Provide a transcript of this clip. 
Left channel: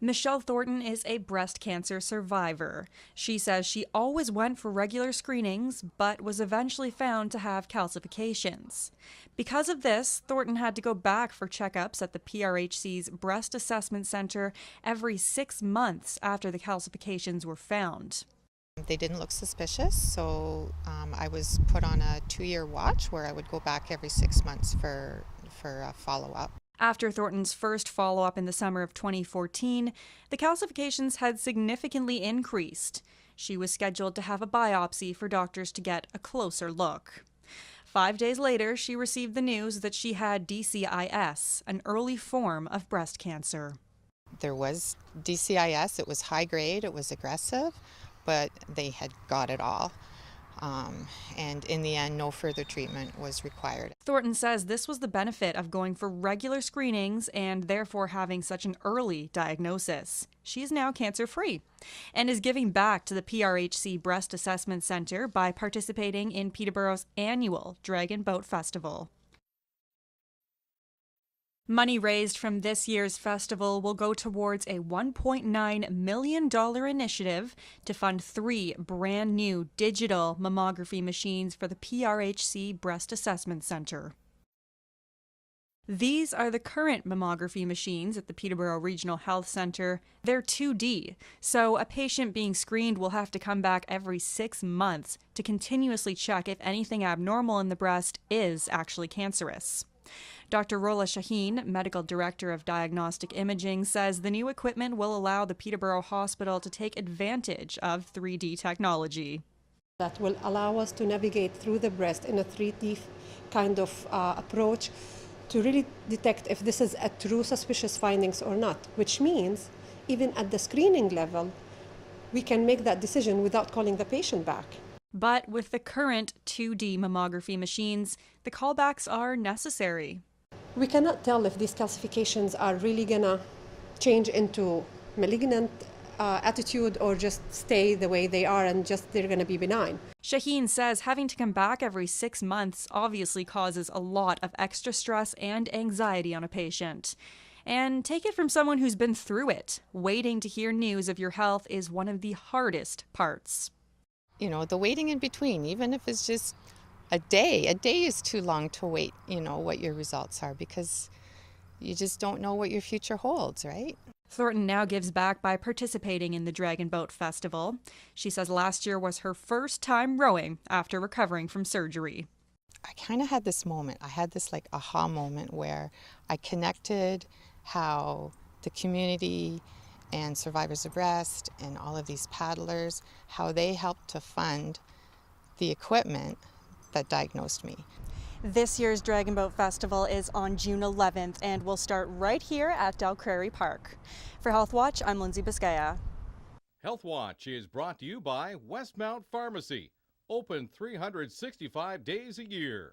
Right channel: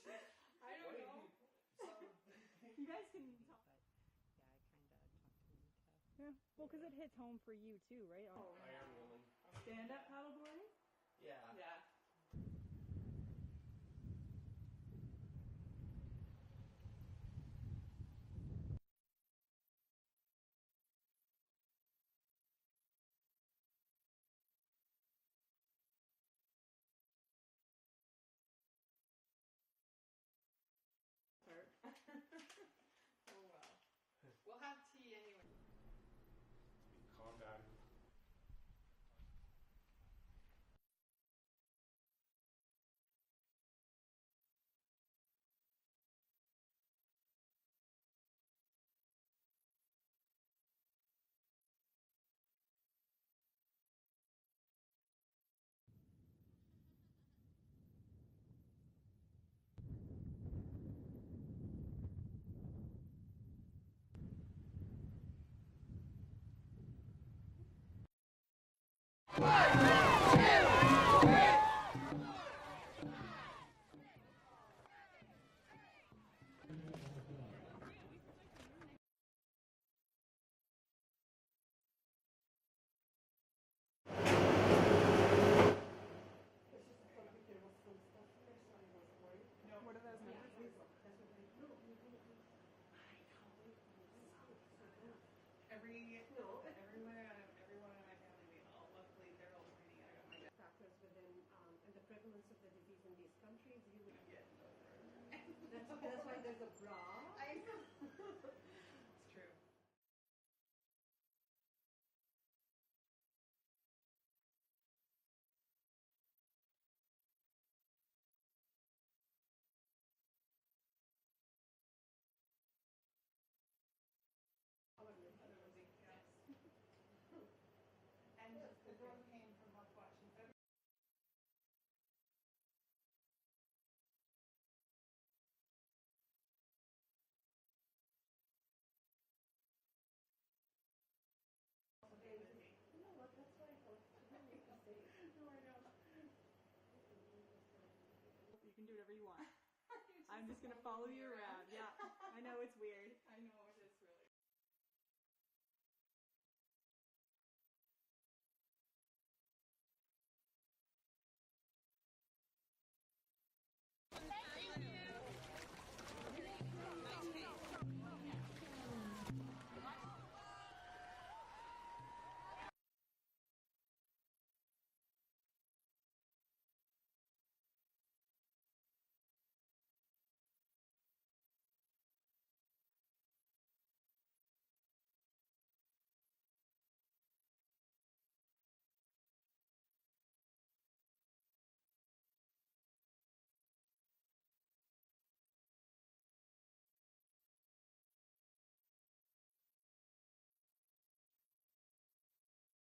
Michelle Thornton is a breast cancer survivor. She says she always went for regular screenings, but was eventually found to have calcifications. Because of this, Thornton had to go back for checkups at the PRHC's Breast Assessment Center every 6 months after the calcifications were found. They didn't look suspicious, so I was put on a 2-year watch where I would go back every 6 months for a follow-up. After Thornton's first follow-up in the summer of 2014, the calcifications had significantly increased. She was scheduled to have a biopsy for doctors to get a closer look. 5 days later, she received the news that she had DCIS, an early form of breast cancer. There was DCIS, it was high grade, it was aggressive, but they had got it all. And in the end, no further treatment was required. Thornton says this was the benefit of going for regular screenings and therefore having such an early diagnosis. She is now cancer-free and is giving back to the PRHC Breast Assessment Center by participating in Peterborough's annual Dragon Boat Festival. Money raised from this year's festival will go towards a $1.9 million initiative to fund 3 brand new digital mammography machines for the PRHC Breast Assessment Center. These are the current mammography machines at the Ptbo Regional Health Center. They're 2D, so a patient being screened will have to come back every 6 months to continuously check if anything abnormal in the breast is actually cancerous. Dr. Rola Shaheen, Medical Director of Diagnostic Imaging, says the new equipment will allow the Peterborough Hospital to take advantage of 3D technology. That will allow us to navigate through the breast in a 3D kind of approach to really detect if this is a true suspicious findings or not, which means even at the screening level, we can make that decision without calling the patient back. But with the current 2D mammography machines, the callbacks are necessary. We cannot tell if these calcifications are really gonna change into malignant attitude or just stay the way they are and just they're gonna be benign. Shaheen says having to come back every 6 months obviously causes a lot of extra stress and anxiety on a patient. And take it from someone who's been through it. Waiting to hear news of your health is one of the hardest parts. You know, the waiting in between, even if it's just a day is too long to wait, what your results are, because you just don't know what your future holds, right? Thornton now gives back by participating in the Dragon Boat Festival. She says last year was her first time rowing after recovering from surgery. I kind of had this moment. I had this aha moment where I connected how the community and survivors of breast and all of these paddlers, how they helped to fund the equipment that diagnosed me. This year's Dragon Boat Festival is on June 11th and will start right here at Dalcrary Park. For Health Watch, I'm Lindsay Biscaya. Health Watch is brought to you by Westmount Pharmacy, open 365 days a year.